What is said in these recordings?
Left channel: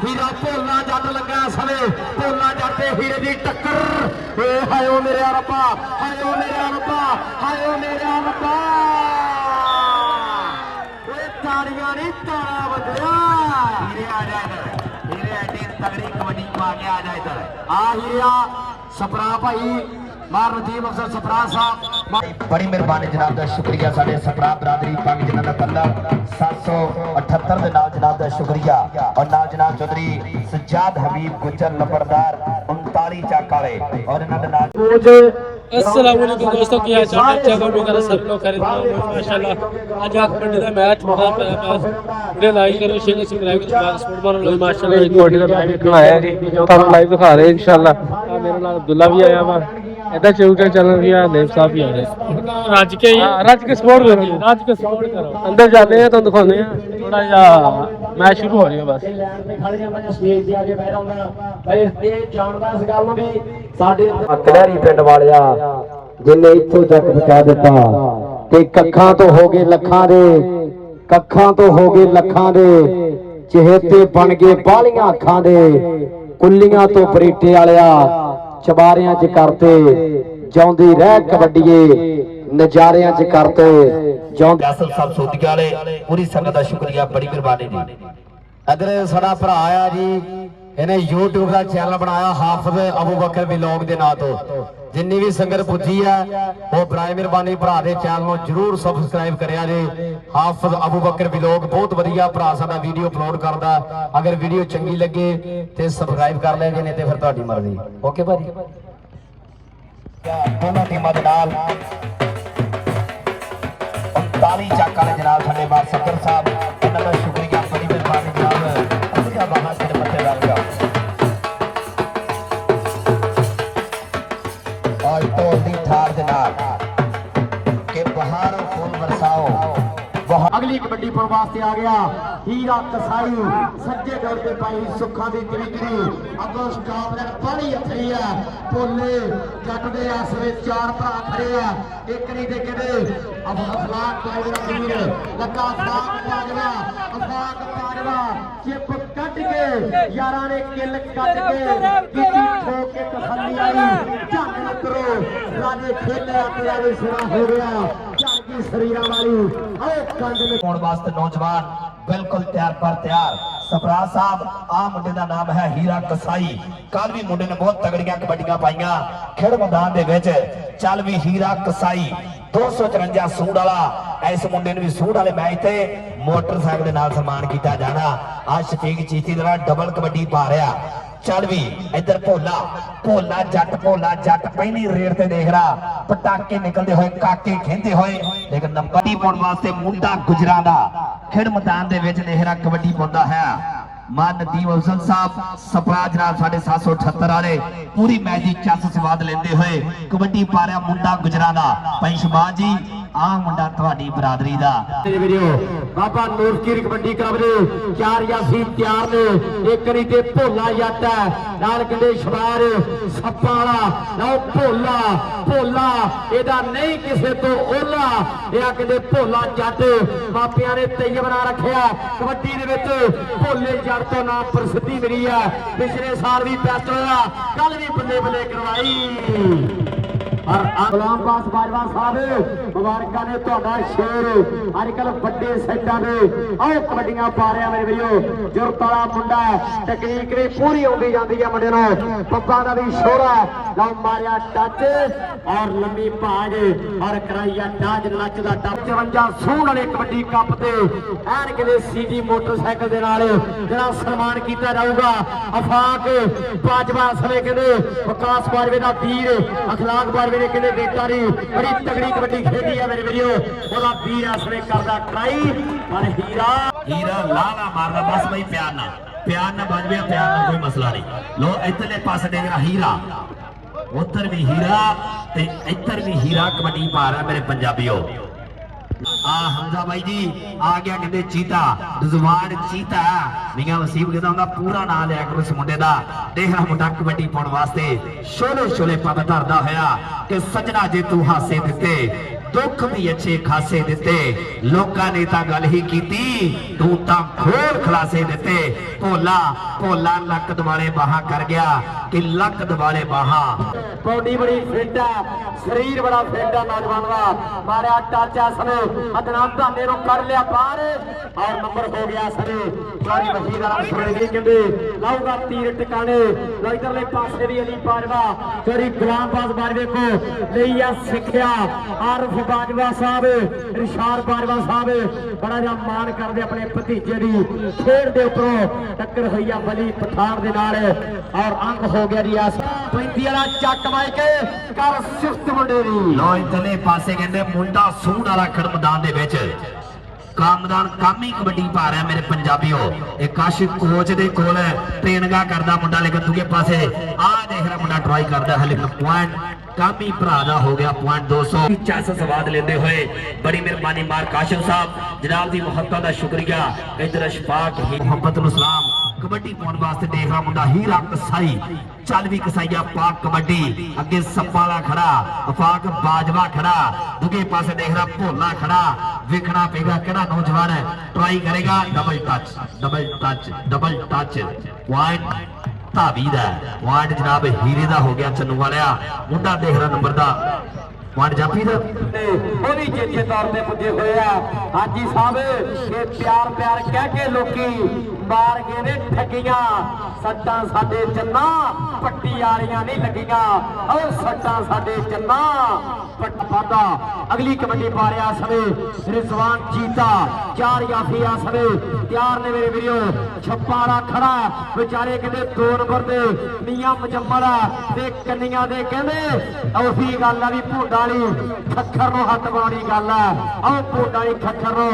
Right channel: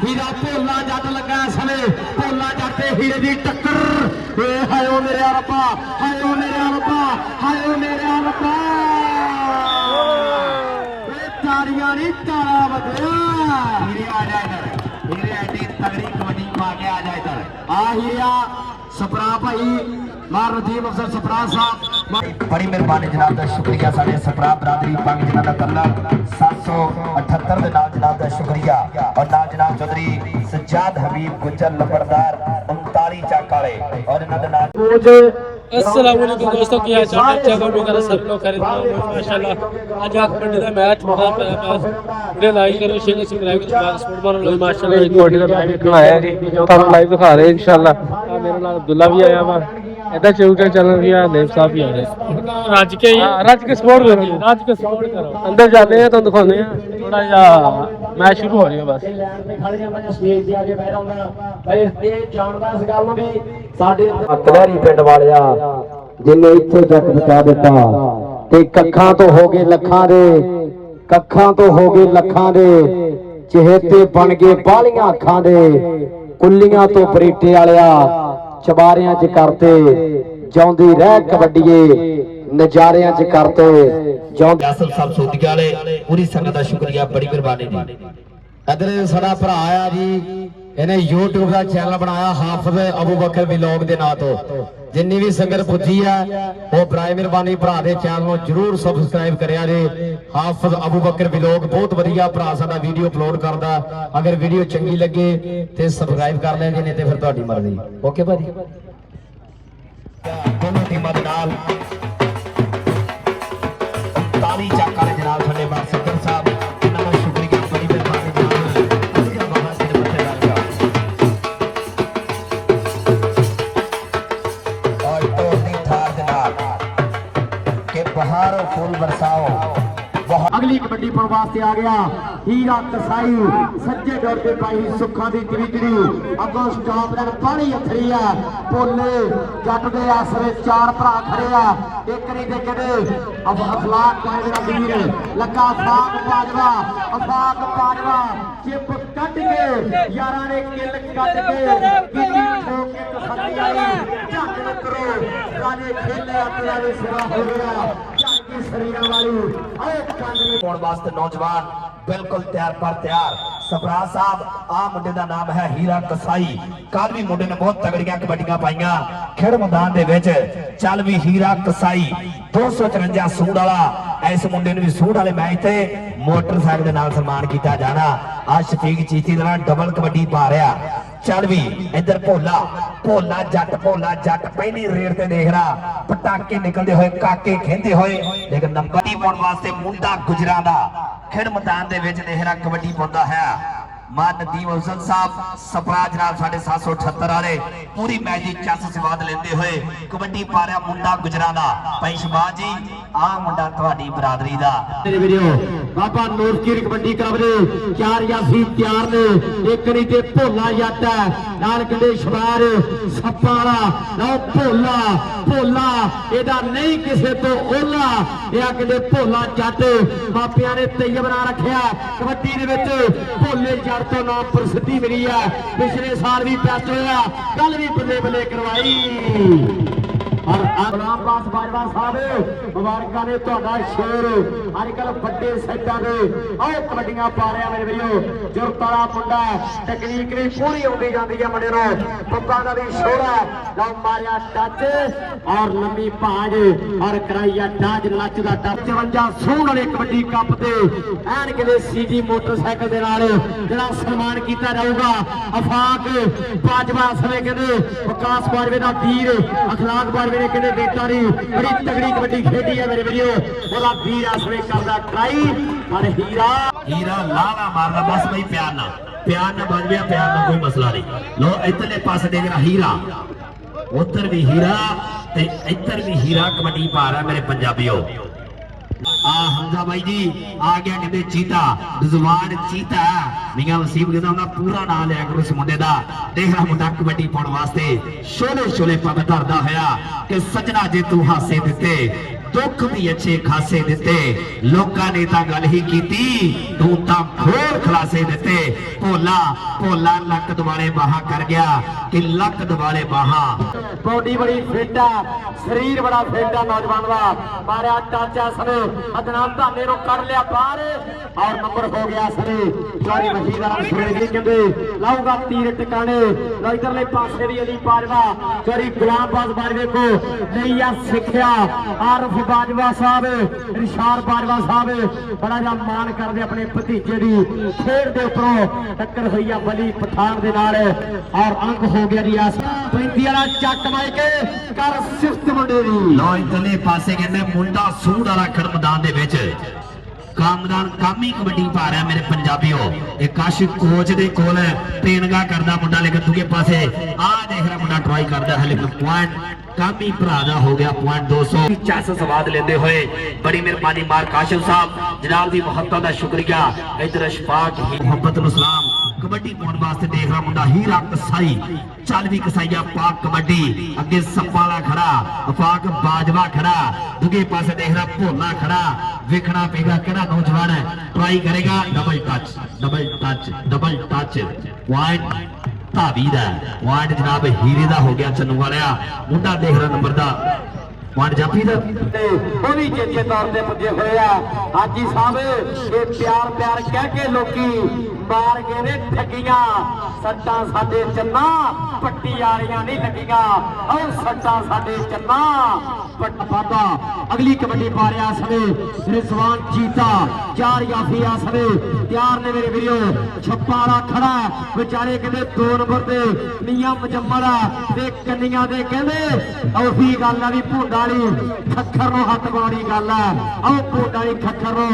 हीरा भोला जट लगा समय भोला जट हीरे की टक्कर हायो मेरे रब्बा हायो मेरे रब्बा हायो मेरे रब्बा तारियां नहीं तारा बदया हीरे आ जाए कर हीरे एडी तगड़ी कबड्डी पा के आ जाए कर आ हीरा सपरा भाई मार रजीव अफसर सपरा साहब बड़ी मेहरबानी जनाब का शुक्रिया साढ़े सपरा बरादरी पंग जिन्हों का तल्ला 778 के नाम जनाब का शुक्रिया और नाल जनाब चौधरी सज्जाद हबीब गुज्जर लपड़दार 39 चाक वाले और इन्हों के नाम अस्सलाम वालेकुम दोस्तों की हाल चाल अच्छा करो मेरा सब लोग खरीद माशाल्लाह आज आप कबड्डी का मैच बड़ा पास वीडियो लाइक करो शेयर सब्सक्राइब करो स्पोर्ट मारो लो माशाल्लाह एक कबड्डी का मैच दिखाया जी हम लाइव दिखा रहे हैं इंशाल्लाह मेरे नाल अब्दुल्ला भी आया वा इधर चौका चैनल भी है देव साहब भी आ रहे राज के सपोर्ट करो अंदर जाते हैं तो दिखाने हैं थोड़ा सा मैच शुरू हो रही है बस कलहरी पिंड वालिया जिन्हें इत्थे जट पहुंचा दिता ते कखां तो हो गए लखां दे कखां तो हो गए लखां दे चहेते बन गए बालियां अखां दे कुल्लियां तो बरीटे वालिया चबारियां च करते जाउंदी रह कबड्डीए नजारियां च करते जो यासर साहब सोदिया वाले पूरी संगत का शुक्रिया बड़ी मेहरबानी जी अगर साडा भरा आया जी इन्हें यूट्यूब का चैनल बनाया हाफिज अबू बकर व्लॉग के नाम तो जिन्नी भी संगत पुजी है वो बराए मेहरबानी भरा के चैनल जरूर सबसक्राइब करिया जी हाफिज अबू बकर व्लॉग बहुत वधिया भरा साडा वीडियो अपलोड करता अगर वीडियो चंगी लगे तो सबसक्राइब कर लें नहीं तो फिर तुहाडी मर्जी ओके भाजी दोनों टीमां दे नाल 39 चाका ने जनाब साडे बार सकर साहब इन्हां दा शुक्रिया बड़ी अगली कबड्डी पर वास्ते आ गया हीरा कसाई सज्जे दौर पे पाई सुखा दी कवितरी अगों स्टॉप ने पानी हथरी है भोले जट दे आसरे चार भरा खड़े आ एक नहीं दे के अफलाक पाजवा वीर लगा अफलाक पाजवा चिप कट के यारा ने किल कट के हो गया वास्ते नौजवान बिल्कुल तैयार पर तैयार सपरा साहब आ मुंडे दा नाम है हीरा कसाई कल भी मुंडे ने बहुत तगड़ियां कबड्डियां पाईयां खेड़ मैदान दे विच चल भी हीरा कसाई 253 सूट वाला इस मुंडे ने भी सूट वाले मैच ते मोटरसाइकिल दे नाल सम्मान किया जाना आ शफीक चीती दे नाल डबल कबड्डी पा रहा चल भी इधर भोला भोला जट पहली रेड ते देख रहा पटाके निकलते हुए काके खेंदे हुए लेकिन नंबर पाने वास्ते मुंडा गुजरा दा खेड़ मैदान दे विच देख रहा कबड्डी पाता है मान नदीम अफजल साहब सपरा जनाब 778 वाले पूरी मैच की चस स्वाद लेंदे हुए कबड्डी पा रहा मुंडा गुजरा दा भाई शबाज जी आ मुंडा तुहाडी बरादरी दा वीडियो बाबा नूर की कबड्डी कबरे चार यासी तैयार ने एक करी ते भोला जट नाल कहंदे शबार सप्पा वाला लो भोला भोला एदा नहीं किसे तो ओला या कहंदे भोला जट मापियां ने तैय बना रखिया कबड्डी दे विच भोले जट तो नाम प्रसिद्धि मिली है पिछले साल भी बेस्ट होया कल भी बल्ले बल्ले करवाई और आम पास बाजवा साहब मुबारक ने तुहाडा शेर अजकल बड़े सेटां दे आओ कबड्डियां पा रहा मेरे वीरो जुरत वाला मुंडा टेक्निक ने पूरी होती जाती है मुंडे नु पप्पा दा भी शोरा ना मारिया टच और लंबी भाज और कराइया डाज नच दा टप 54 सूह वाले कबड्डी कप ते ऐन किते सीजी मोटरसाइकिल दे नाल जेड़ा सन्मान कीता जाऊगा अफाक बाजवा समय कहंदे विकास बारवे दा वीर अखलाक बारवे ने कहंदे बेटा री बड़ी तगड़ी कबड्डी खेली है मेरे वीडियो ओला वीर आसरे करदा ट्राई और हीरा लाला मारदा बस भाई प्यार ना बाजविया प्यार ना कोई मसला नहीं लो इधरले पासे दे मेरा हीरा उधर भी हीरा ते इधर भी हीरा कबड्डी पा रहा मेरे पंजाबियों हमजा भाई जी आ गया कहते चीता दुजवान चीता मियां वसीम कहता पूरा नाम लिया करो इस मुंडे दा देखा मुंडा कबड्डी पाने वास्ते शोले शोले पग धरदा होया कि सजना जे तू हासे दिते दुख भी अच्छे खासे दिते लोकां ने तां गल ही कीती तू तां खोर खलासे दिते भोला भोला लक दुआले बाहा कर गया कि लक दुआले बाहा बॉडी बड़ी फिट है शरीर बड़ा फिट है नौजवान का मारिया टच है सने अदनाम धामे नु कर लिया बाहर और नंबर हो गया सने सारी वजीदार सुरेंद्र कहंदे लाऊगा तीर टिकाने लो इधरले पासे भी अली बाजवा चोरी गुलाम बाजवा को लईया सिखिया आरफ बाजवा साहब रिशाद बाजवा साहब बड़ा जा मान करदे अपने भतीजे दी खेड दे उपरों टक्कर हुई है बली पठान दे नाल और अंक हो गया रियासत पैंती वाला चक मार के कर सिफ्त मुंडे दी लो इधरले पासे कहंदे मुंडा सूड वाला खड़ मैदान दे विच कामरान कामी कबड्डी पा रहा है मेरे पंजाबियों एक काशिफ कोच दे कोल ट्रेनिंगा करदा मुंडा लेकिन दूजे पासे आ देख रहा मुंडा ट्राई करदा है लेकिन पॉइंट कामी भरा दा हो गया पॉइंट 200 चस स्वाद लेंदे हुए बड़ी मेहरबानी मार काशिफ साहब जनाब दी मोहब्बत दा शुक्रिया इधर अशफाक मोहब्बत नु सलाम कबड्डी पाउण वास्ते देख रहा मुंडा हीरा कसाई चल भी कसाईया पाक कबड्डी अगे सप्पाला खड़ा अफाक बाजवा खड़ा दूजे पासे देख रहा भोला खड़ा वेखना पेगा केड़ा नौजवान है ट्राई करेगा डबल टच पॉइंट धावी दा पॉइंट जनाब हीरे दा हो गया चन्नू वालिया मुंडा देख रहा नंबर दा पॉइंट जाफी दा वो भी चेचे तौर पे पुजे हुए आ हाजी साहब ये प्यार प्यार कह के लोकी मार गए ने ठगियां सट्टा साडे चन्ना पट्टी वालियां नहीं लगियां और सट्टा साडे चन्ना पट पादा अगली कबड्डी पा रहा समय रिजवान चीता चार याफिया समय तैयार ने मेरे वीडियो छप्पारा खड़ा बेचारे कहते 2 नंबर दे मियां मजम्मड़ा ते कन्नियां दे कहंदे और भी गल आ भी भुंडा वाली खक्खर नु हत्थ पाउणी गल आ और भुंडा वाली खक्खर नु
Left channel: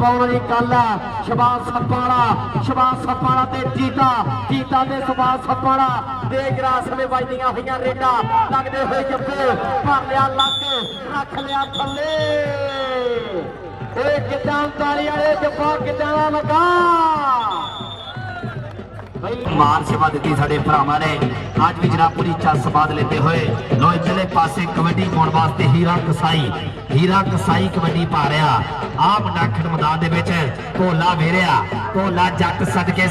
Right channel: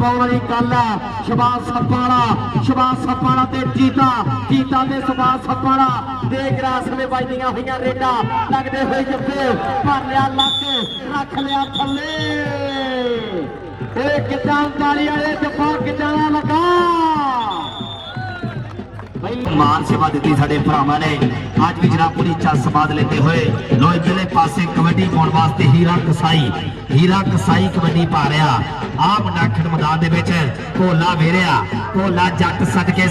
पाउणी गल आ शबाज सप्पाड़ा ते चीता ते शबाज सप्पाड़ा देख रास में बजदियां होईयां रेडा लगदे होए जब्बे भर लिया लक रख लिया थल्ले ओए कितना ताली वाले जब्बा कितना लगा मार सेवा दी साडे भरावां ने आज भी जनाब पूरी चल स्वाद लेते हुए लो इधरले पासे कबड्डी पाउण वास्ते हीरा कसाई कबड्डी पा रहा आ मुंडा खड़ मैदान दे विच भोला वेरिया भोला जट सदके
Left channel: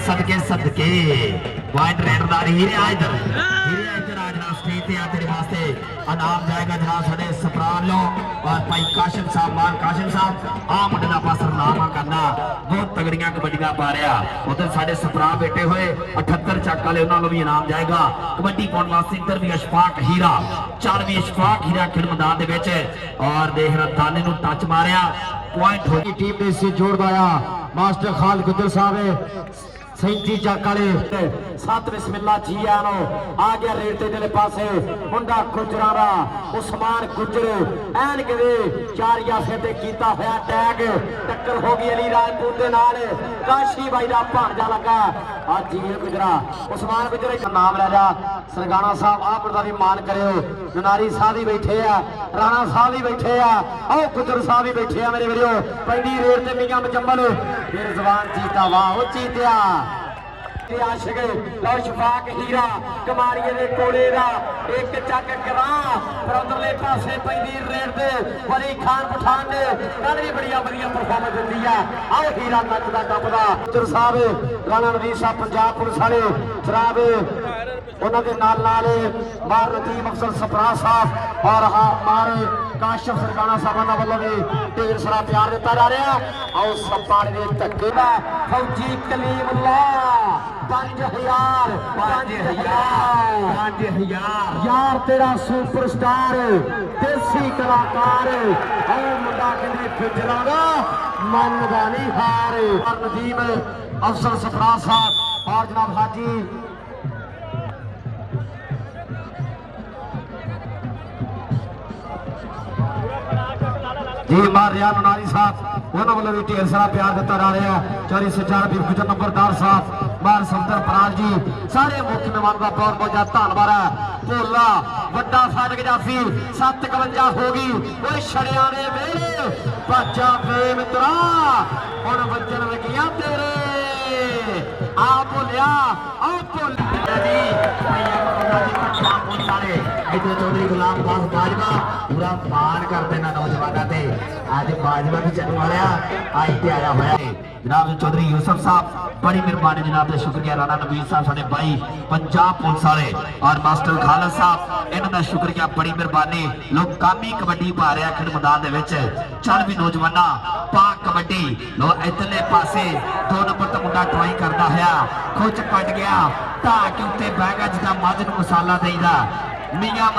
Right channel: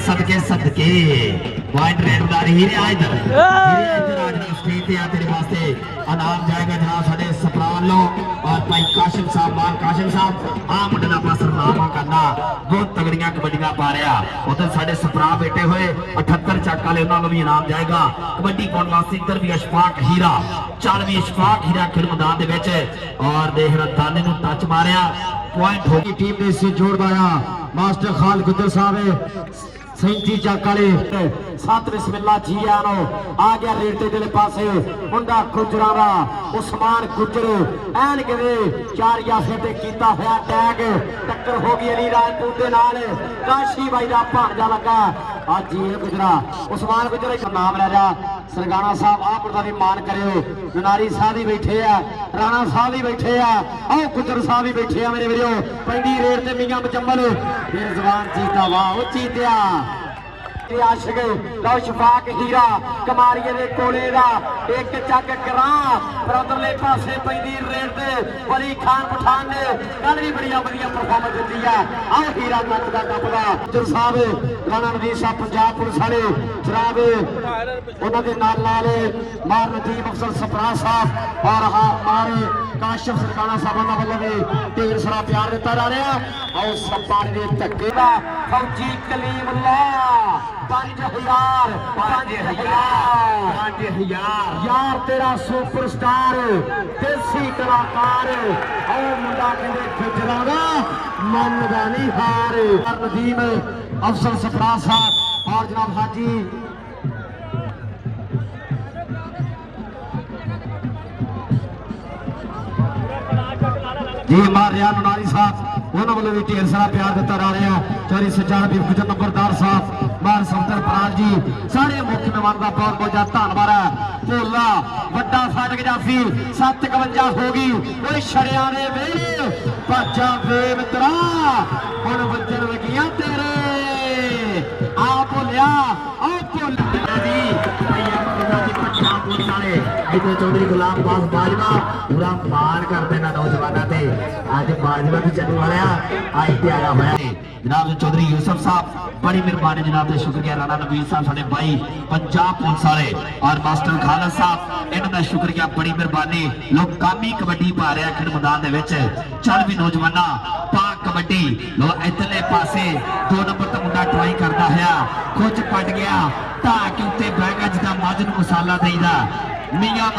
पॉइंट रेडदार हीरे आ इधर आज स्टेज ते आ तेरे वास्ते इनाम जाएगा जनाब साडे सपराल लो और भाई काशिम साहब मान काशिम साहब आ मुंडे दा पास नामा करना बहुत तगड़ियां कबड्डियां पा रहा उधर साडे सपरा बैठे हुए 78 चक वाले उन्होंने भी इनाम जाएगा कबड्डी पाउण वास्ते इधर भी अशफाक हीरा चल भी अशफाक हीरा खेल मैदान दे विच और देख रहा दाने नु टच मारिया पॉइंट हो गई टीम ने इसे जोड़ पाया मास्टर खालिद गुज्जर साहब 37 चक वाले 7 बिस्मिल्लाह जी आनो आ गया रेटे दे पासे मुंडा गुजरा दा उस्मान गुजर ऐन कदे 4 याफे ते कीता होया टैग टक्कर हो गई अली राजपूत दे नाल काशी भाई दा भांजा लगा आज जी गुजरा उस्मान गुजर एक नाम ले जा सरगाना साहब आप दा भी मान करियो ननारी साहब भी बैठे आ राणा साहब भी बैठे आ ओ गुजर साहब भी बैठे आ मेरे वीरो पैंडी रेड ते मियां मजम्मल फिर जवान चीता वाह ओ चीतिया आशिक लो शफाक हीरा कमारिए दे कोले दा एक चक करा पर उधरले पासे पैंदी रेड ते वली खान पठान ने कल भी बड़ी बढ़िया परफॉर्मेंस दिंदी है आओ हीरा तक दा टपदा गुजर साहब राणा रवीर साहब पंजाब पुलिस वाले जनाब उन्हां दे नाल मार नदीम अफसर सपरा साहब और मार काशिफ सरगाना साहब दा वल्लों भी ढेर सारा प्यार दिता जा रहा आओ सपाड़ दे धक्के दा फौजी कलीमुल्लाह 5000 यार तेरा सुपरस्टार देसी कलाकार और मुंडा कहते गुजरा दा मन दा नहीं हार नदीम अफसर सपरा साहब और जनाब हाजी जी मार रिया नारी साहब उन्होंने वालों भी ढेर सारा प्यार दिता जा रहा चौरी सज्जाद भी गुजर नंबरदार साहब मार सफदर पराज जी सारे मुख्य मेहमान का बहुत बहुत ज्यादा धन्यवाद है भोला वड्डा फाटक जाफी 751 हो गई वो छड़िया ने वेले भाजा वे मित्रा हुण वजन लगियां तेरे आ भोलिया आ भोलिया इधर चौधरी गुलाम पास बाजवा पूरा मान करते ना नौजवानों ते आज बाजवा भी चलने वाले आज प्यारा होया जनाब चौधरी यूसुफ साहब बड़ी मेहरबानी जनाब का शुक्रिया राणा नवीर साहब साडे भाई पंजाब पुलिस वाले और मास्टर खालद साहब इन्हां दा शुक्रिया बड़ी मेहरबानी लोग कामी कबड्डी पा रहे खेड मैदान दे विच चढ़ भी नौजवाना पा कबड्डी लो इधरले पासे 2 नंबर तो मुंडा ट्राई करता होया खुच पट गया ढा के उत्ते बह गया जिदा मझ नूं मसाला देईदा मियां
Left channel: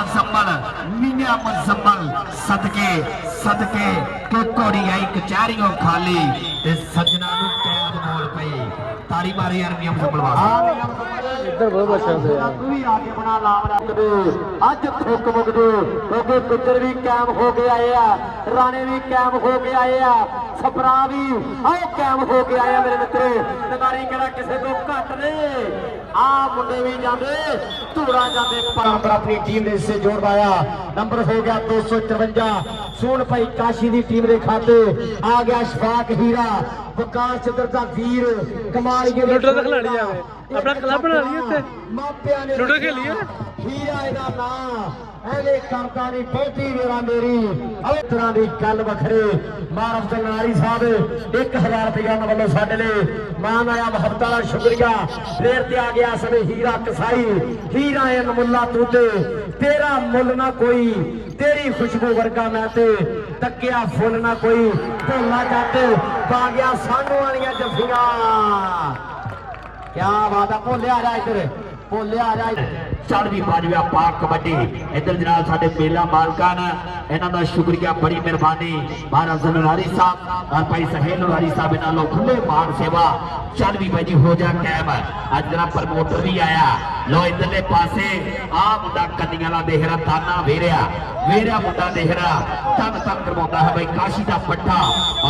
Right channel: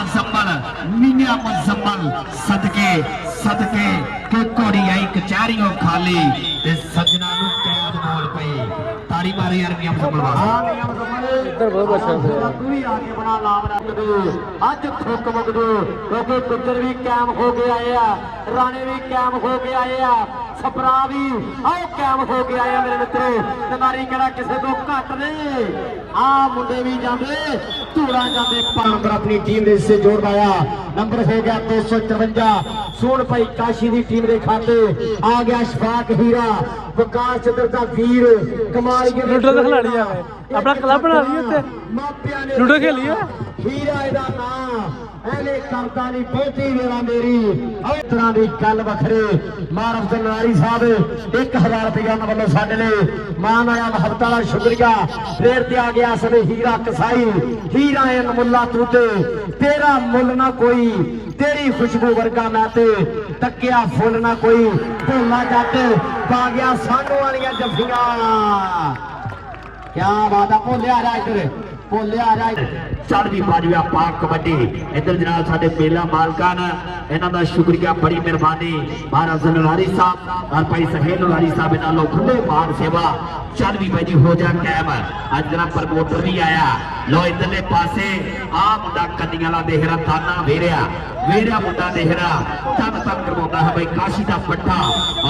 मुजम्मल सदके सदके को घोड़ी आई कचहरियों खाली ते सजना नूं कैद बोल पई तारी मारी यार मियां मुजम्मल ਅੱਜ ਥੁੱਕ ਮੁੱਕਦੇ ਉਹ ਪੁੱਤਰ ਵੀ ਕਾਇਮ ਹੋ ਕੇ ਆਏ ਆ ਰਾਣੇ ਵੀ ਕਾਇਮ ਹੋ ਕੇ ਆਏ ਆ ਸਪਰਾ ਵੀ ਆਹ ਕਾਇਮ ਹੋ ਕੇ ਆਏ ਆ ਮੇਰੇ ਮਿੱਤਰੋ ਤਮਾਰੀ ਕਿਹੜਾ ਕਿਸੇ ਤੋਂ ਘੱਟ ਨੇ ਆ ਮੁੰਡੇ ਵੀ ਜਾਂਦੇ ਧੂੜਾ ਜਾਂਦੇ ਪਰ ਆਪਣੀ ਟੀਮ ਦੇ ਹਿੱਸੇ ਜੋੜ ਪਾਇਆ ਨੰਬਰ ਹੋ ਗਿਆ 254 ਸੋਨ ਭਾਈ ਕਾਸ਼ੀ ਦੀ ਟੀਮ ਦੇ ਖਾਤੇ ਆ ਗਿਆ ਸ਼ਫਾਕ ਹੀਰਾ ਵਿਕਾਸ ਚੰਦਰ ਦਾ ਵੀਰ ਕਮਾਲ ਕੇ ਲੁੱਟੋ ਤਾਂ ਖਿਲਾੜੀ ਆ ਆਪਣਾ ਕਲੱਬ ਬਣਾ ਲਈਏ ਉੱਥੇ ਲੁੱਟੋ ਖੇਲੀਏ ਹੀਰਾ ਇਹਦਾ ਨਾਂ ਐਨੇ ਕਰਦਾ ਨਹੀਂ ਬਹੁਤੀ ਵੇਲਾ ਮੇਰੀ ਇਸ ਤਰ੍ਹਾਂ ਦੀ ਗੱਲ ਵੱਖਰੇ ਮਾਨ ਅਫਜ਼ਲ ਨਾਰੀ ਸਾਹਿਬ 1000 ਰੁਪਇਆ ਉਹਨਾਂ ਵੱਲੋਂ ਸਾਡੇ ਲਈ ਮਾਨ ਆਇਆ ਮੁਹੱਬਤ ਵਾਲਾ ਸ਼ੁਕਰੀਆ ਫੇਰ ਤੇ ਆ ਗਿਆ ਸਵੇ ਹੀਰਾ ਕਸਾਈ ਹੀਰਾ ਐ ਮੁੱਲਾ ਤੂੰ ਤੇ ਤੇਰਾ ਮੁੱਲ ਨਾ ਕੋਈ ਤੇਰੀ ਖੁਸ਼ਬੂ ਵਰਗਾ ਮੈਂ ਤੇ ਤੱਕਿਆ ਫੁੱਲ ਨਾ ਕੋਈ ਭੋਲਾ ਜੱਟ ਪਾ ਗਿਆ ਸਾਨੂੰ ਵਾਲੀਆਂ ਜੱਫੀਆਂ क्या बात है भोले आ रहा इधर भोले आ रहा चढ़दी बाजवा पाक कबड्डी इधर जनाब साडे मेला मालकां ने इन्हां दा शुक्रिया बड़ी मेहरबानी महाराज जलवारी साहब और भाई सहेल वारी साहब इन्हां लोग खुले मान सेवा चल भी भाई हो जा कैम अज जरा प्रमोटर भी आया लो इधरले पासे आ मुंडा कन्नियां दा देहरा ताना वेरिया मुंडा देहरा तब तक करवाता है भाई काशी दा पट्टा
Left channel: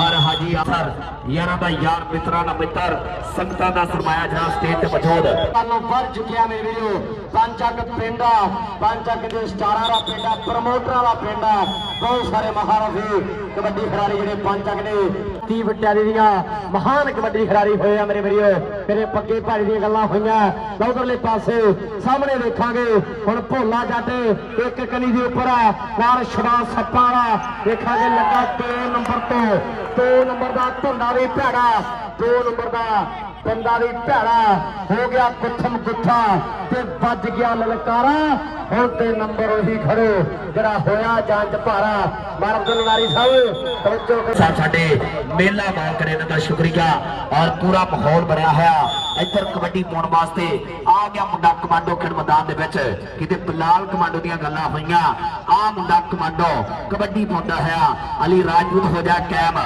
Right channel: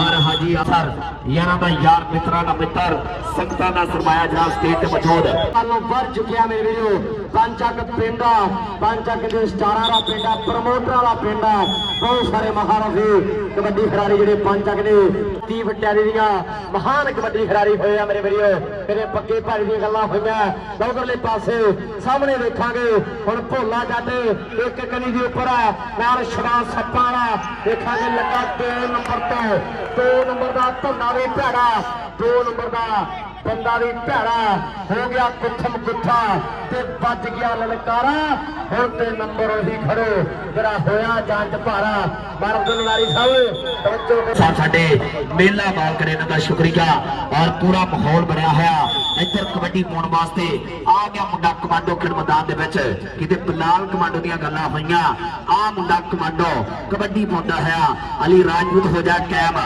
और हाजी असर यारां दा यार मित्रां दा मित्र संगतां दा सरमाया जनाब स्टेज ते मौजूद बढ़ चुकिया मेरे वीरो पंचक पिंड के स्टारा का पिंड प्रमोटर वाला पिंड बहुत सारे महारथी कबड्डी खिलाड़ी जो पंचक ने ती बटारी दियां महान कबड्डी खिलाड़ी होए मेरे वीरो मेरे पक्के भाई दी गल्लां होईयां उधरले पासे सामने देखांगे हुण भोला जट एक कनी दे उपर है नाल शराब सप्पा वाला देखांगे लगा 2 नंबर दा धुंदा भी भैड़ा 2 नंबर दा बंदा भी भैड़ा हो गया कुठम कुठा ते बज गया ललकारा हुण ते नंबर ही खड़े जरा होया जांच भारा मारदन वारी साहब साडे मेला माल करे इन्हां दा शुक्रिया और पूरा माहौल बनया होया इधर कबड्डी पाउण वास्ते आ गया मुंडा कमांडो खेड मैदान दे विच किते बिलाल कमांडो दीयां गल्लां होईयां आ मुंडा कमांडो कबड्डी पाउंदा है अली राजपूत हो जा कैम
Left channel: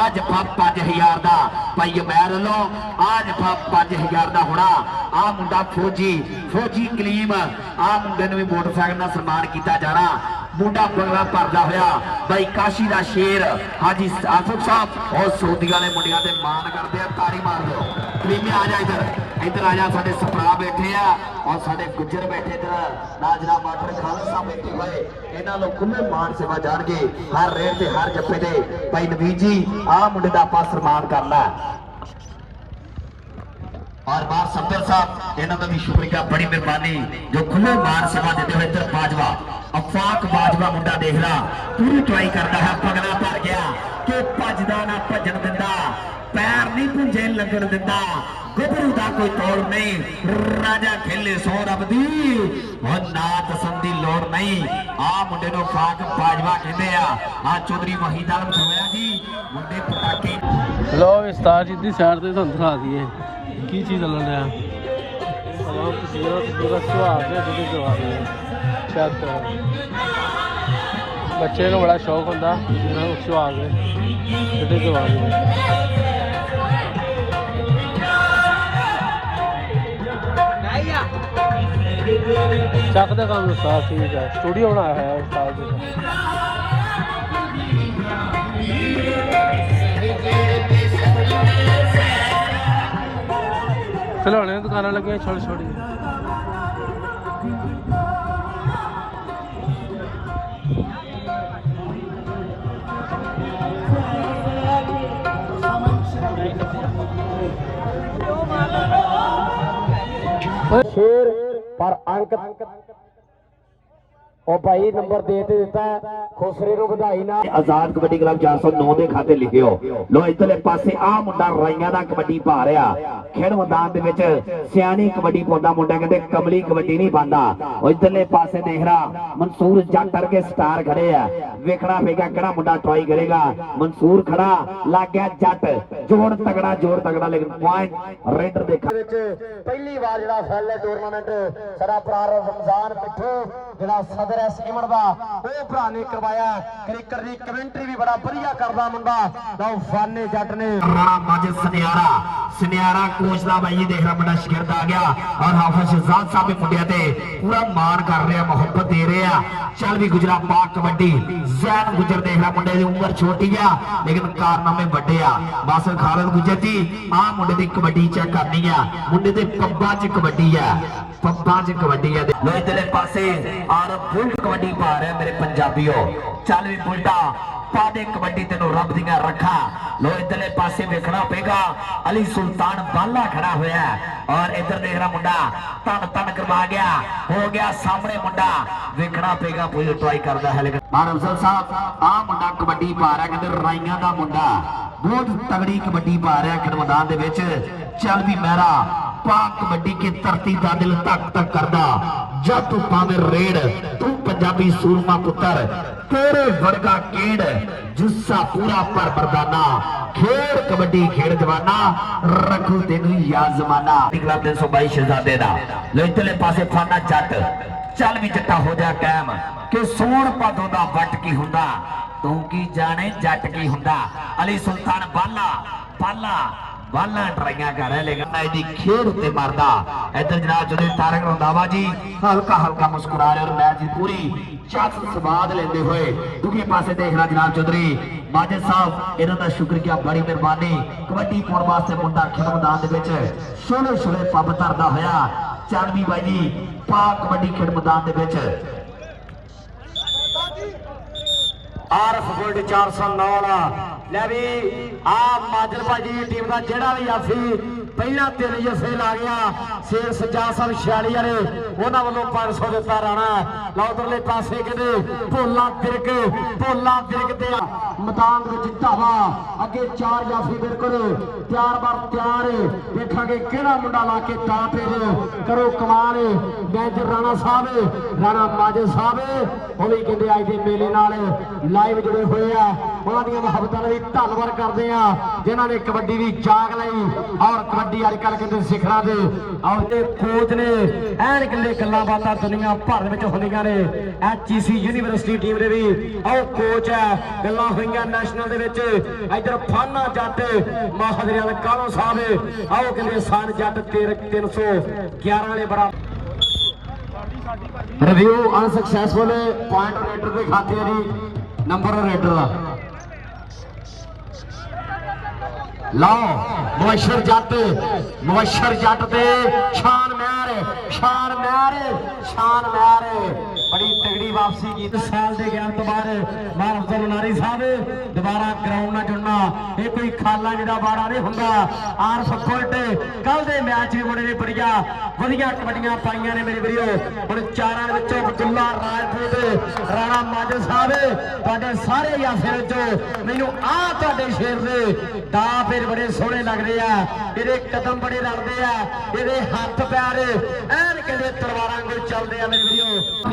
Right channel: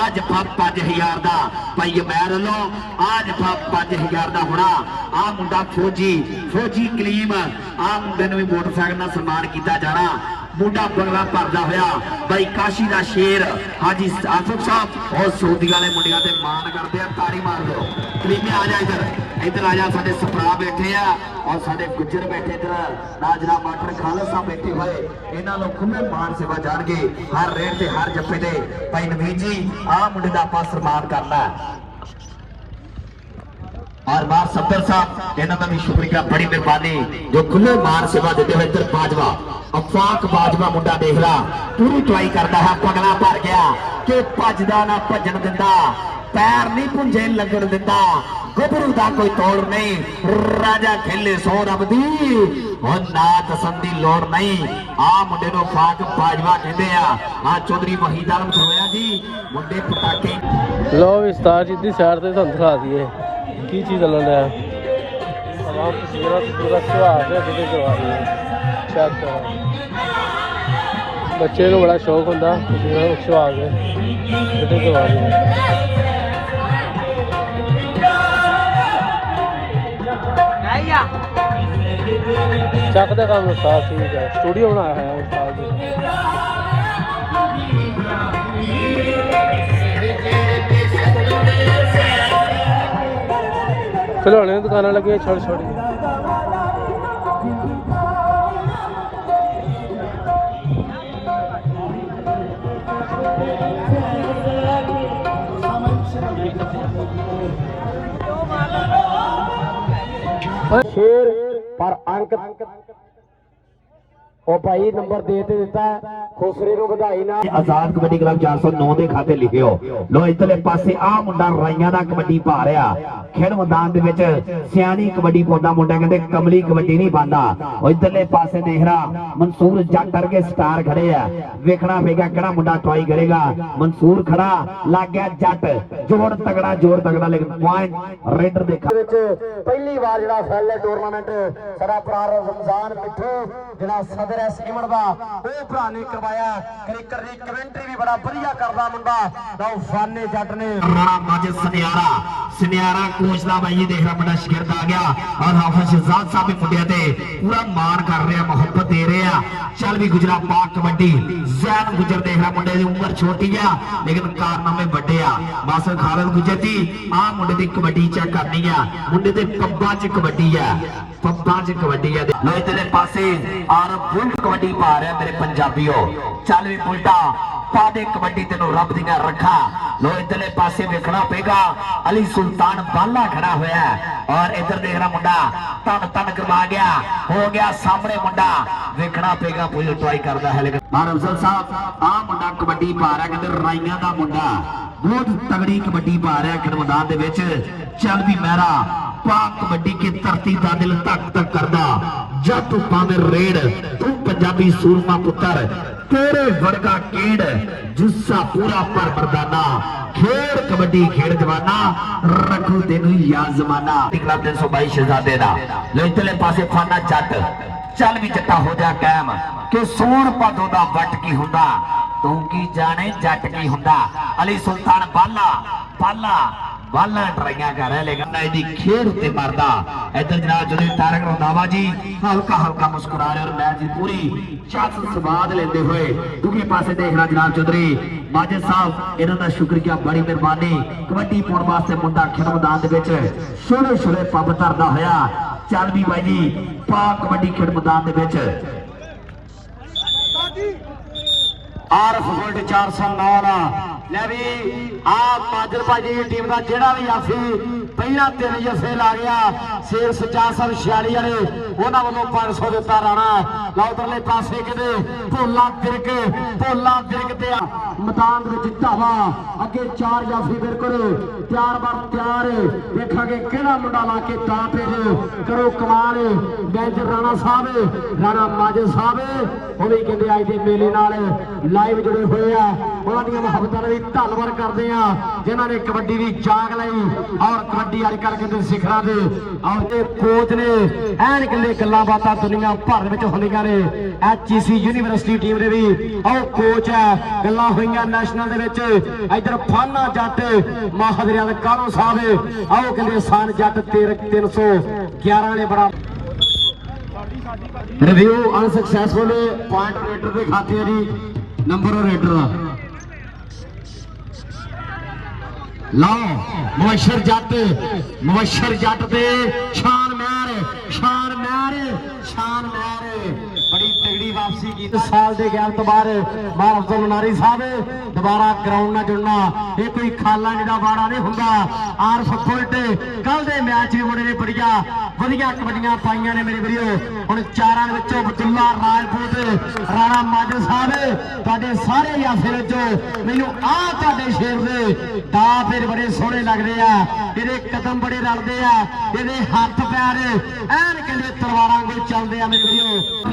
आज 5000 दा भाई मैर लो आज 5000 दा होना आ मुंडा फौजी कलीम आ मुंडे नूं मोटरसाइकिल नाल सन्मान कीता जाना मुंडा बंगला भरदा होया भाई काशी दा शेर हाजी आसिफ साहब और सऊदी वाले मुंडियां दे मान करदे आ ताड़ी मार दो कलीमे आ जा इधर आ जा साडे सपरा बैठे आ और साडे गुज्जर बैठे इधर नाजरा मास्टर खालद साहब बैठे हुए इन्हां नूं खुले मान सेवा जाणगे हर रेट ते हर जप्पे दे भाई नवीर जी आ मुंडे दा आपां सन्मान करना और मां सब्दर साहब इन्हां दा भी शुक्रिया बड़ी मेहरबानी जो खुले मान सेवा देते हुए इधर बाजवा अफाक बाजवा मुंडा देख ला पूरी ट्राई करता है पगला भर गया कि भजदा ना भजन दिंदा पैर नहीं पुंजे लगन दिंदा गबरू दा कोई तोड़ नहीं राजा खेले सो रब दी और ना दसन दी लोड़ नहीं आ मुंडे नु फाक बाजवा कहंदे आ चौधरी वहीद आलम धरोया जी मुंडे पटाके ये उस्ताद जी साइड ते अंदर आ गए की चीज चलन रहा है सलाम तस्वीरें पूरा से आ गया तो चेक करो बच्चे ने बड़ा शौक होता है तो आ गए तो आ गए चेक का काम साफ ठीक है स्टूडियो में है खिलौने की दुकानें लगी छोटी छोटी शेर पर अंक ਉਹ ਭਾਈ ਨੰਬਰ ਦੇ ਤੇ ਦਿੱਤਾ ਖੁਸਰੇ ਨੂੰ ਵਧਾਈ ਨਾ। ਆਜ਼ਾਦ ਕਬੱਡੀ ਕਲੱਬ 409 ਦੇ ਖਾਤੇ ਲਿਖਿਓ। ਲੋ ਇਧਰਲੇ ਪਾਸੇ ਆ ਮੁੰਡਾ ਰਾਈਆਂ ਦਾ ਕਬੱਡੀ ਪਾ ਰਿਹਾ। ਖੇਡ ਮੈਦਾਨ ਦੇ ਵਿੱਚ ਸਿਆਣੀ ਕਬੱਡੀ ਪਾਉਂਦਾ ਮੁੰਡਾ, ਕਹਿੰਦੇ ਕਮਲੀ ਕਬੱਡੀ ਨਹੀਂ ਪਾਉਂਦਾ। ਉਹ ਇਧਰਲੇ ਪਾਸੇ ਦੇਖ ਰਹਾ ਮਨਸੂਰ ਜੱਟ ਕਰਕੇ ਸਟਾਰ ਖੜੇ ਆ। ਵੇਖਣਾ ਪਏਗਾ ਕਿਹੜਾ ਮੁੰਡਾ ਟਰਾਈ ਕਰੇਗਾ। ਮਨਸੂਰ ਖੜਾ, ਲੱਗ ਗਿਆ ਜੱਟ, ਜੋਰ ਤਗੜਾ ਲੇਕਿਨ ਪੁਆਇੰਟ ਰੇਡਰ ਦੇ ਵਿੱਚ ਪਹਿਲੀ ਵਾਰ ਜਿਹੜਾ ਫੈਲ ਟੂਰਨਾਮੈਂਟ ਸਾਡਾ ਭਰਾ ਰਮਜ਼ਾਨ ਮਿੱਠੂ ਜਿਹੜਾ ਸਦਰ ਐਸ ਇਮੜਵਾ ਉਹ ਭਰਾ ਨੇ ਕਰਵਾਇਆ। ਕ੍ਰਿਕਟ ਦੀ ਕਮੈਂਟਰੀ ਵੀ ਬੜਾ ਵਧੀਆ ਕਰਦਾ ਮੁੰਡਾ ਉਹ ਫਾਨੇ ਜੱਟ ਨੇ। ਰਾਣਾ ਮਾਜਦ ਸੁਨਿਆਰਾ ਕੋਚ ਦਾ ਬਾਈ ਦੇਖ ਰਹਾ ਮੁੰਡਾ ਸ਼ਗਿਰਦ ਆ ਗਿਆ ਔਰ ਹਾਫਿਜ਼ ਸ਼ਹਜ਼ਾਦ ਸਾਹਿਬ ਦੇ ਮੁੰਡਿਆਂ ਤੇ ਪੂਰਾ ਮਾਣ ਕਰ ਰਿਹਾ, ਮੁਹੱਬਤ ਦੇ ਰਿਹਾ। ਚੱਲ ਵੀ ਗੁਜਰਾ ਪਾਕ ਕਬੱਡੀ ਜ਼ੈਨ ਗੁਜਰ ਦੇਖ ਰਹਾ ਮੁੰਡੇ ਦੀ ਉਮਰ ਛੋਟੀ ਆ ਲੇਕਿਨ ਕਾਰਨਾਮੇ ਵੱਡੇ ਆ। ਬਸ ਖਾਲਦ ਗੁਜਰ ਜੀ ਆਹ ਮੁੰਡੇ ਦੀ ਕਬੱਡੀ ਚੈੱਕ ਕਰਨੀ ਆ। ਮੁੰਡੇ ਦੇ ਪੱਬਾਂ 'ਚ ਕਬੱਡੀ ਆ, ਪੱਬਾਂ 'ਚ ਕਬੱਡੀ ਆ। ਲੋ ਇਧਰਲੇ ਪਾਸੇ ਔਰ ਬੁਲਟ ਕਬੱਡੀ ਪਾ ਰਿਹਾ ਮੇਰੇ ਪੰਜਾਬੀਓ। ਚੱਲ ਵੀ ਬੁਲਟਾ ਪਾ ਦੇ ਕਬੱਡੀ ਤੈਨੂੰ ਰੱਬ ਦੀਆਂ ਰੱਖਾਂ। ਲੋ ਇਧਰਲੇ ਪਾਸੇ ਵੇਖਣਾ ਪਏਗਾ ਅਲੀ ਸੁਲਤਾਨ ਬਾਲਾ ਖੜਾ ਹੋਇਆ ਔਰ ਇਧਰ ਦੇਖ ਰਹਾ ਮੁੰਡਾ ਤਨ ਕਰਵਾ ਗਿਆ, ਹੋ ਗਿਆ ਸਾਹਮਣੇ ਮੁੰਡਾ। ਵੇਖਣਾ ਪਏਗਾ ਪੂਰੀ ਟਰਾਈ ਕਰਦਾ ਹੈ ਲੇਕਿਨ ਅਫਜ਼ਲ ਸਾਹਿਬ ਆ ਮੁੰਡਾ ਕਬੱਡੀ ਪਾ ਰਿਹਾ, ਕਹਿੰਦੇ ਰਾਈਆਂ ਦਾ ਮੁੰਡਾ ਬਹੁਤ ਤਗੜੀ ਕਬੱਡੀ ਪਾ ਰਿਹਾ ਖੇਡ ਮੈਦਾਨ ਦੇ ਵਿੱਚ। ਚੱਲ ਵੀ ਮਹਿਰਾ ਪਾਕ ਕਬੱਡੀ ਕੀ ਧਰਤੀ ਦਾ ਦਿਲ ਧੱਕ ਧੱਕ ਕਰਦਾ। ਜਦ ਤੂੰ ਪਾਵੇਂ ਰੇਡ ਤੂੰ ਪੰਜਾਬੀ ਸੂਰਮਾ ਪੁੱਤਰ, ਤੇਰੇ ਵਰਗਾ ਕੇੜ ਜੁੱਸਾ ਪੂਰਾ ਪਰ ਪਰਦਾਨਾ। ਖੇਡ ਕਬੱਡੀ ਖੇਡ ਜਵਾਨਾ, ਰੱਖੂ ਤੈਨੂੰ ਯਾਦ ਜ਼ਮਾਨਾ। ਕਲੱਬ 322 ਸ਼ਹਿਜ਼ਾਦੇ ਦਾ ਲੋ ਇਧਰਲੇ ਪਾਸੇ ਫਾਨਾ ਜੱਟ। ਚੱਲ ਵੀ ਜੱਟਾ ਹੋ ਜਾ ਕਾਇਮ ਕਿ ਸੋਹਣ ਭਾਦੋਂ ਦਾ ਵੱਟ ਕੀ ਹੁੰਦਾ, ਤੂੰ ਕੀ ਜਾਣੇ ਜੱਟ ਕੀ ਹੁੰਦਾ। ਅਲੀ ਸੁਲਤਾਨ ਬਾਲਾ ਟਰਾਈਆਂ ਕਰ ਰਿਹਾ ਲੇਕਿਨ ਇਹਦੀ ਖੇਡ ਉੱਤੇ ਮਰਦਾ। ਇੱਧਰ ਜਨਾਬ ਜਦੋਂ ਤਾਰਕ ਰੰਧਾਵਾ ਜੀ ਹਲਕਾ ਮੁਸਕਰਾ ਰਹੇ ਔਰ ਮੈਚ ਦੀ ਪੂਰੀ ਚਾਤ ਸਵਾਦ ਲੈਂਦੇ ਹੋਏ। ਦੂਜੇ ਪਾਸੇ ਦੇਖਣਾ ਜਨਾਬ ਚੌਧਰੀ ਮਾਜਦ ਸਾਹਿਬ, ਇਹਨਾਂ ਦਾ ਸ਼ੁਕਰੀਆ, ਬੜੀ ਮਿਹਰਬਾਨੀ। ਕਬੱਡੀ ਪਾਉਣ ਵਾਸਤੇ ਮੁੰਡਾ ਖੇਡ ਮੈਦਾਨ ਦੇ ਵਿੱਚ ਛੋਟੇ ਪੱਬ ਧਰਦਾ ਹੋਇਆ। ਚੱਲ ਵੀ ਬਾਈ ਜੀ ਪਾ ਕਬੱਡੀ ਖੇਡ ਮੈਦਾਨ ਦੇ ਵਿੱਚ। ਆਰਫ ਗੋਲਡ 409 ਲੈ ਵੀ ਆ ਮਾਜਦ ਭਾਜੀ ਦੀ ਟੀਮ ਦਾ ਜਿਹੜਾ ਵੀ ਆਫੀ ਪਹਿਲਾਂ 3 ਜੱਫੇ ਲਾ ਗਿਆ। ਸੇਵ ਸਜਾ ਸਾਹਿਬ 46 ਵਾਲੇ ਉਹਨਾਂ ਵੱਲੋਂ 500 ਦਿੱਤਾ ਰਾਣਾ। ਲਓ ਉਧਰਲੇ ਪਾਸੇ ਕਹਿੰਦੇ ਭੋਲਾ ਫਿਰਕ ਤੇ ਮੈਦਾਨ ਵਿੱਚ ਧਾਵਾ ਅੱਗੇ 4 ਜਾਫੀ ਬਿਲਕੁਲ ਤਿਆਰ ਦੇਖਾਂਗੇ ਕਿਹੜਾ ਮੁੰਡਾ ਲਾ ਕੇ ਤਾਂ ਕਰੋ ਕਮਾਲ। ਮੈਨੇਜਰ ਰਾਣਾ ਸਾਹਿਬ, ਰਾਣਾ ਮਾਜਦ ਸਾਹਿਬ ਉਹ ਵੀ ਕਹਿੰਦੇ ਅੱਜ ਦੇ ਮੇਲੇ ਨਾਲ ਲਾਈਵ ਜੁੜੇ ਹੋਏ ਆ। ਉਹਨਾਂ ਦੀਆਂ ਮੁਹੱਬਤਾਂ ਦਾ ਵੀ ਧੰਨਵਾਦ ਕਰਦੇ ਆ ਜਿਨ੍ਹਾਂ ਨੇ ਕਬੱਡੀ ਦੀ ਜਾਗ ਲਈ ਔਰ ਕਬੱਡੀ ਅੱਜ ਕੱਲ੍ਹ ਕਹਿੰਦੇ ਸਿਖਰਾਂ ਦੇ ਔਰ ਤੇ ਕੋਚ ਨੇ ਐਨ ਕਹਿੰਦੇ ਗੱਲਾਂ ਬਾਤਾਂ ਦੁਨੀਆ ਭਰ ਵਿੱਚ ਹੁੰਦੀਆਂ ਨੇ। ਐਚਈਸੀ ਯੂਨੀਵਰਸਿਟੀ ਟੀਮ ਦੇ ਵੀ ਉਹ ਕੋਚ ਹੈ, ਗੱਲਾਂ ਹੋਈਆਂ ਨੈਸ਼ਨਲ ਦੇ ਵਿੱਚ। ਇੱਧਰ ਫਾਨਾ ਜੱਟ ਮਹਾਦਰਿਆਂ ਦੇ ਕਾਲੋ ਸਾਹਿਬ ਆਓ ਕਹਿੰਦੇ ਸਾਨ ਜੱਟ 311 ਨੇ ਬੜਾ ਰਿਵਿਊ ਅਨਸਕਸੈਸਫੁਲ ਪੁਆਇੰਟ ਰੇਡਰ ਦੇ ਖਾਤੇ ਜੀ ਨੰਬਰ ਰੇਡਰ ਦਾ ਲਓ ਮੁਬਸ਼ਰ ਜੱਟ ਤੇ ਸ਼ਾਨ ਮਹਿਰ ਬੜੀ ਤਗੜੀ ਵਾਪਸੀ ਕੀਤੀ। ਸਾਲ ਦੇ ਗੈਪ ਤੋਂ ਬਾਅਦ ਅਫਜ਼ਲ ਨਾਰੀ ਸਾਹਿਬ ਦੁਬਾਰਾ ਗਰਾਊਂਡ ਨਾਲ ਜੁੜਨਾ ਇਹ ਕੋਈ ਖਾਲਾ ਜਿਹੜਾ ਬਾੜਾ ਨਹੀਂ ਹੁੰਦਾ। ਆਰਫ ਫੁਲਟ ਕੱਲ ਦੇ ਮੈਚ ਵੀ ਮੁੰਡੇ ਨੇ ਵਧੀਆ ਕਬੱਡੀਆਂ ਪਾਈਆਂ ਨੇ ਮੇਰੇ ਵੀਰੋ। ਹੁਣ ਚਾਰਾਂ ਦੇ ਵਿੱਚੋਂ ਅਬਦੁੱਲਾ ਰਾਜਪੂਤ, ਰਾਣਾ ਮਾਜਦ ਸਾਹਿਬ ਤੁਹਾਡੇ ਸਾਰੇ ਯਾਫਿਆਂ ਚੋਂ ਮੈਨੂੰ ਆਹ ਤੁਹਾਡੇ ਸ਼ੇਰ ਦੇ ਦਾ ਫਿਰ ਬੜੇ ਸੋਹਣੇ ਲੱਗਦੇ ਆ। ਇਹਦੇ ਕਦਮ ਬੜੇ ਰਲਦੇ ਆ, ਇਹਦੇ ਹੱਥ ਪੈਰ ਐਨ ਕਹਿੰਦੇ ਤਲਵਾਰਾਂ ਵਾਂਗੂ ਚੱਲਦੇ ਆ ਮੇਰੇ ਵੀਰੋ।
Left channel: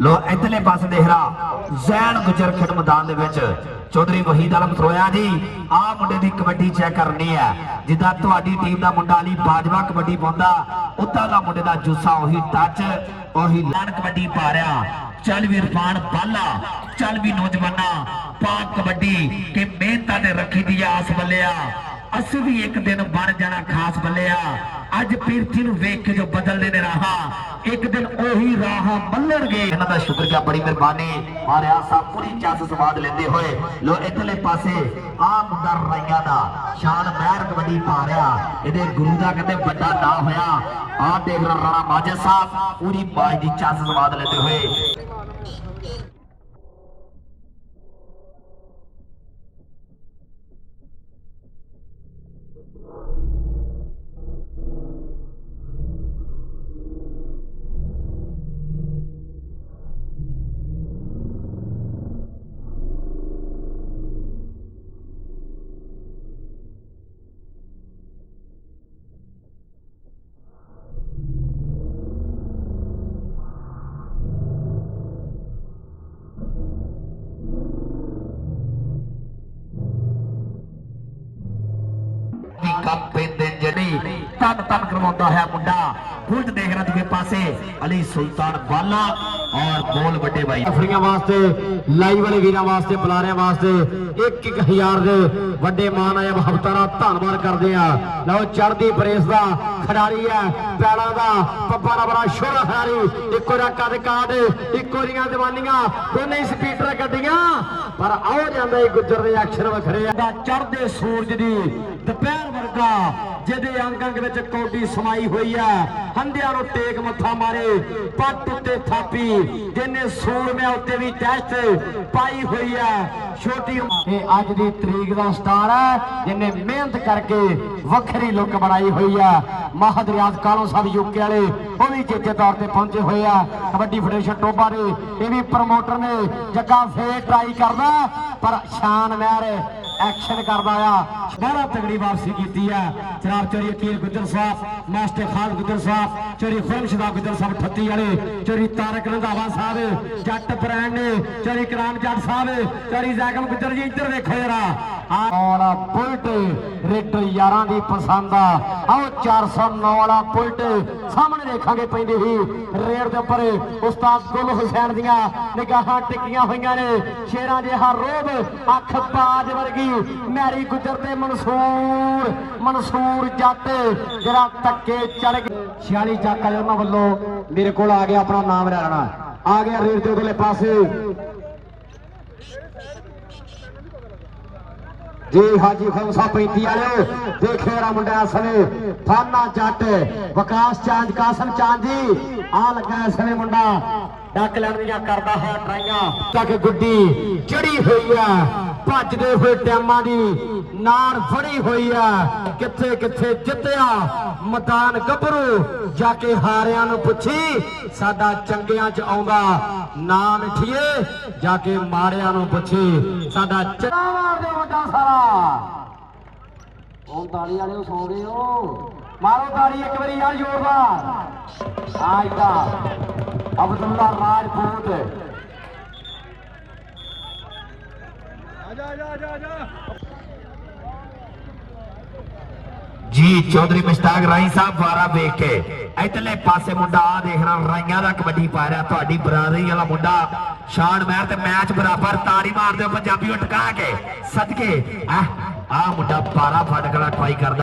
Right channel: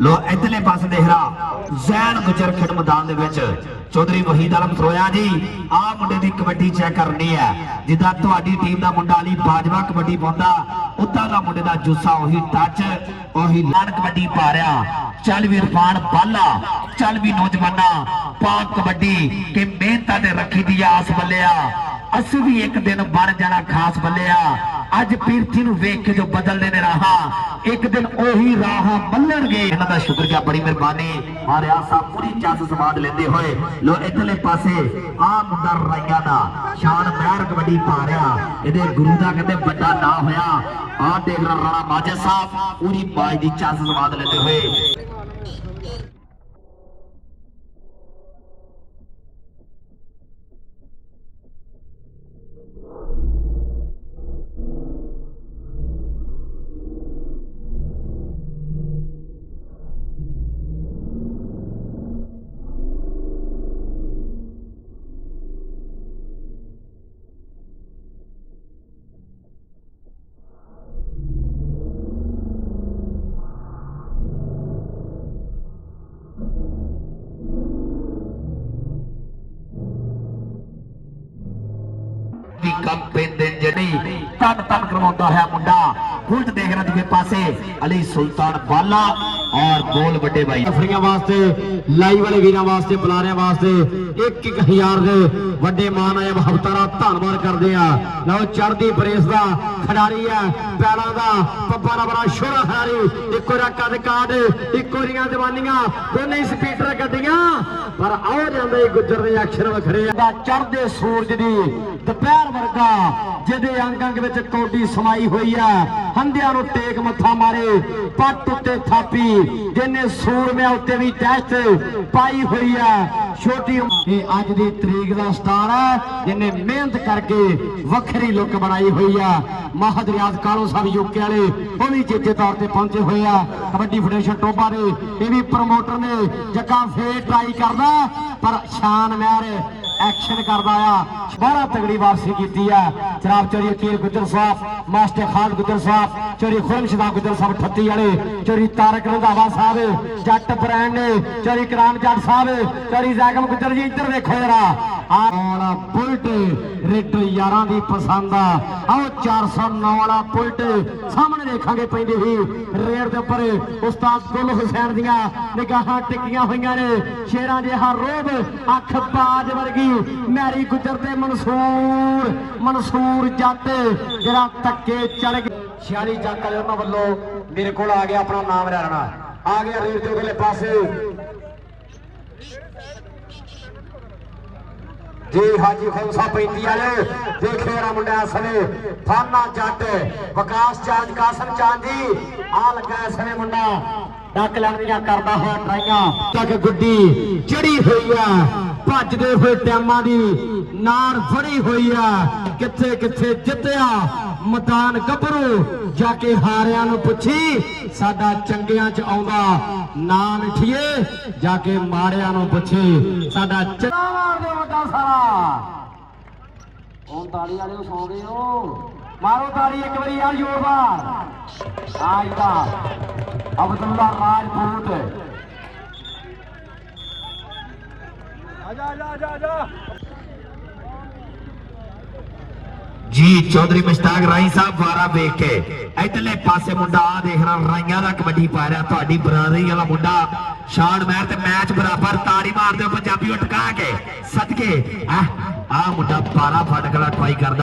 ਲੋ ਇਧਰਲੇ ਪਾਸੇ ਦੇਖ ਰਹਾ ਜ਼ੈਨ ਗੁਜਰ ਖੇਡ ਮੈਦਾਨ ਦੇ ਵਿੱਚ ਚੌਧਰੀ ਵਹੀਦ ਆਲਮ ਸਰੋਇਆ ਜੀ। ਆਹ ਮੁੰਡੇ ਦੀ ਕਬੱਡੀ ਚੈੱਕ ਕਰਨੀ ਹੈ। ਜਿੱਦਾਂ ਤੁਹਾਡੀ ਟੀਮ ਦਾ ਮੁੰਡਾ ਅਲੀ ਬਾਜਵਾ ਕਬੱਡੀ ਪਾਉਂਦਾ ਉਦਾਂ ਦਾ ਮੁੰਡੇ ਦਾ ਜੁੱਸਾ, ਉਹੀ ਟੱਚ, ਉਹੀ ਲਾਨ ਕਬੱਡੀ ਪਾ ਰਿਹਾ। ਚੱਲ ਵੀ ਇਰਫਾਨ ਬਾਲਾ, ਚੱਲ ਵੀ ਨੌਜਵਾਨਾ ਪਾਕ ਕਬੱਡੀ ਕਿ ਮਿਹਨਤਾਂ ਤੇ ਰੱਖੀ ਦੀ ਆਸ ਬੱਲਿਆ। ਅਸੀਂ ਵੀ ਇੱਕ ਦਿਨ ਬਣ ਜਾਣਾ ਖਾਸ ਬੱਲਿਆ। ਅੱਜ ਪੀਰਥੀ ਨੂੰ ਵੇਖ ਕੇ ਜੋ ਬਦਲਦੇ ਨੇ ਰਾਹਾਂ, ਇੱਕ ਦਿਨ ਉਹੀ ਰਾਹ ਬੱਲਣਗੇ। ਇਹਨਾਂ ਦਾ ਸ਼ੁਕਰੀਆ, ਬੜੀ ਮਿਹਰਬਾਨੀ। ਮਾਰਿਆ ਸਾਹਿਬ ਪੂਰੀ ਚਾਸ ਸਵਾਦ ਲੈਂਦੇ ਹੋਏ। ਲੋ ਇਧਰਲੇ ਪਾਸੇ ਆ ਮੁੰਡਾ ਰਾਈਆਂ ਦਾ ਸ਼ਾਨ ਮਹਿਰ ਕਬੱਡੀ ਪਾ ਰਿਹਾ। ਇਹਦੇ ਗੁਰੂ ਦਾ ਕਹਿੰਦੇ ਵੱਡਾ ਨਾਂ ਹੋਇਆ। ਆਹ ਦੇਖ ਰਾਣਾ ਮਾਜਦ ਸਾਹਿਬ ਪੂਰੀ ਬਾਜ ਦੀ ਚਾਸ ਸਵਾਦ ਲੈਂਦੇ ਹੋਏ। ਕੰਮ ਪੈਂਦੇ ਜਣੀ ਤਨ ਤਨ ਕਰਵਾਉਂਦਾ ਹੈ ਮੁੰਡਾ ਬੁਲਟ ਦੇਖ ਰਿਹਾ ਦੂਜੇ ਪਾਸੇ ਅਲੀ ਸੁਲਤਾਨ ਬਾਲਾ ਔਰ ਬੋਲ ਵੱਡੇ ਭਾਈ ਫਰੀਆਂ ਵਾਸਤੇ ਲਾਈਵ ਵਾਲੇ ਵੀਰਾਂ ਵਾਸਤੇ ਬੁਲਾਰਿਆਂ ਵਾਸਤੇ 1-1000 ਦੇ ਵੱਡੇ ਮਾਨ ਆਏ ਹਫਤਾ ਦਾ ਧੰਨਵਾਦ ਕਰਦੇ ਆ। ਲਓ ਚੜ੍ਹਦੀ ਬਰੇਸ ਦਾ ਖਿਡਾਰੀ ਹੈ ਪੈਲਾਂ ਦਾ ਪੱਪਾ ਦਾ ਬੜਾ ਸ਼ੋਰਾ ਖਿਡਾਰੀ ਇੱਕੋ ਦਾ ਕੱਦ ਕਾਟ ਇੱਕੋ ਦੀਆਂ ਜਵਾਨੀਆਂ ਦੋਨੇ ਸਪੀਡਰ ਗੱਡੀਆਂ ਪਰ ਆਉ ਜਾਂਦੇ ਗੁੱਜਰ ਦੇ ਅਕਸ਼ਰ ਵਖਰੇ ਆ ਚੜ੍ਹਦੇ ਸੂਰਜ ਦੀ ਦੁਪਹਿਰ ਵਰਗਾ ਜਿਹਦੇ ਅੰਗ ਅੰਗ ਵਿੱਚ ਕੌਡੀ ਸਮਾਈ ਹੋਈ ਆ ਹੰਡਿਆਂ ਨੂੰ ਟੇਕ ਮੱਥਾ ਮਾਰੇ ਪੱਟ ਉੱਤੇ ਥਾਪੀ ਜਿਹਨੇ ਸੂਰਮਿਆਂ ਉੱਤੇ ਵੀ ਟੈਸਟ ਪਾਈ ਹੋਈ ਆ ਛੋਟੀ ਇਹ ਅੱਜ ਦੀ ਤਰੀਕ ਦਾ ਸਟਾਰ ਹੈ ਜਿਹਨੇ ਮਿਹਨਤ ਕਰਕੇ ਵੱਖਰੀ ਲੁੱਕ ਬਣਾਈ ਹੋਈ ਆ ਮਹਦ ਰਿਆਜ਼ ਕਾਲੋ ਸਾਹਿਬ ਯੂਕੇ ਵਾਲੇ ਉਹ ਵੀ ਚੇਤੇ ਤੌਰ ਤੇ ਪਹੁੰਚੇ ਹੋਏ ਆ ਕਬੱਡੀ ਫੈਡਰੇਸ਼ਨ ਟੋਬਾ ਦੇ ਇਹ ਵੀ ਪ੍ਰਮੋਟਰ ਨੇ ਜੱਗਾ ਫੇਰ ਟਰਾਈ ਕਰਦਾ ਪਰ ਸ਼ਾਨ ਮਹਿਰ ਐਕਸ਼ਨ ਕਰਦਾ ਆ ਬੜਾ ਤਗੜੀ ਵਾਪਸੀ ਕੀਤੀ ਆ ਜਨਾਬ ਚੋਰੀ ਅਕੀਰ ਗੁੱਜਰ ਸਾਹਿਬ ਮਾਸਟਰ ਖਾਨ ਗੁੱਜਰ ਸਾਹਿਬ ਚੋਰੀ ਖੁਰਮਸ਼ਦਾ ਗੁੱਜਰ ਸਾਹਿਬ 38 ਵਾਲੇ ਚੋਰੀ ਤਾਰਕ ਰੰਧਾਵਾ ਸਾਹਿਬ ਜੱਟ ਬ੍ਰਾਂਡ ਨੇ ਚੋਰੀ ਕਰਾਮ ਜੱਟ ਸਾਹਿਬ ਚੋਰੀ ਜ਼ੈਗਮ ਗੁੱਜਰ ਜੀ ਇੱਧਰ ਵੇਖੋ ਜਰਾ ਆਹ ਬੁਲਟ ਰੇਟ ਯਾਰਾਂ ਦੀ ਪਸੰਦ ਆ ਆਹ 409 ਵਾਲਾ ਬੁਲਟ ਸਾਹਮਣੇ ਦੇਖਾਂਗੇ ਪੈਂਦੇ ਹੀ ਰੇਡ ਦੇ ਉੱਪਰ ਉਸਤਾਦ ਗੁਲ ਹੁਸੈਨ ਦੀਆਂ ਨਿਗਾਹਾਂ ਟਿਕੀਆਂ ਹੋਈਆਂ ਨੇ ਸ਼ੇਰਾਂ ਜਿਹਾ ਰੋਬ ਅੱਖ ਬਾਜ ਵਰਗੀ ਮੈਰੀ ਗੁੱਜਰ ਤੇ ਮਨਸੂਰ ਜੱਟ ਜਿਹੜਾ ਧੱਕੇ ਚੜ ਗਏ 46 ਚੱਕ ਵਾਲੇ ਉਹਨਾਂ ਵੱਲੋਂ ਮੇਰੇ ਕੋਲ ਆ ਗਿਆ ਆਪਣਾ ਨਾਮ ਲੈਣਾ ਆ ਗਿਆ ਰੇਡ ਦੇ ਅਗਲੇ ਪਾਸੇ ਜੀ ਹਾਜੀ ਖਮਸਾ 35 ਵਾਲੇ ਦੇਖੇ ਰਾ ਮੁੰਡਿਆ ਸਨੇ ਫਾਨਾ ਜੱਟ ਵਿਕਾਸ ਚਾਂਦ ਕਾਸਮ ਚਾਂਦ ਜੀ ਆ ਲੱਗਾ ਸਨੇ ਮੁੰਡਾ ਡੱਕ ਲੈਣ ਦੀਆਂ ਕਰਦਾ ਹੋਇਆ ਟਰਾਈਆਂ ਤੱਕ ਗੁੱਡੀ ਚੜੀ ਹੋਈ ਆ ਭੱਜਦੇ ਹੋਏ ਟਾਈਮਾਂ ਦੀ ਨਾਰ ਫੜੀ ਹੋਈ ਆ ਕਿੱਥੇ ਕਿੱਥੇ ਜਿੱਤਿਆ ਮੈਦਾਨ ਗੱਭਰੂ ਜਾ ਕੇ ਹਾਰਿਆਂ ਨੂੰ ਪੁੱਛੀ ਸਾਡਾ ਚੰਗਿਆਂ ਚ ਆਉਂਦਾ ਨਾ ਮਿੱਠੀਏ ਜਾ ਕੇ ਮਾੜਿਆਂ ਨੂੰ ਪੁੱਛੀ ਸਾਡਾ ਉਹ ਤਾੜੀ ਵਾਲੇ ਸੌ ਗਏ ਹੋ ਮਾਰੋ ਤਾੜੀ ਇੱਕ ਵਾਰੀ ਆ ਜ਼ੋਰਦਾਰ ਆਇਦਾ ਅਬਦੁੱਲਾ ਰਾਜਪੂਤ ਜੀ ਚੌਧਰੀ ਮੁਸ਼ਤਾਕ ਰਾਈ ਸਾਹਿਬ ਵਾਰਾ ਵੇਖ ਕੇ ਇਧਰਲੇ ਪਾਸੇ ਮੁੰਡਾ ਆ ਦੇਖ ਰਿਹਾ ਰਾਈਆਂ ਦਾ ਕਬੱਡੀ ਪਾ ਰਿਹਾ ਤੁਹਾਡੀ ਬਰਾਦਰੀ ਵਾਲਾ ਮੁੰਡਾ ਸ਼ਾਨ ਮਹਿਰ ਤੇ ਮੈਚ ਬਰਾਬਰ ਤਾੜੀ ਮਾਰਦੇ ਪੰਜਾਬੀ ਟਕਾ ਕੇ ਸਦਕੇ ਆ ਮੁੰਡਾ ਪਾਰਾ ਫਟਕਲਾ ਟਰਾਈ ਕਰਦਾ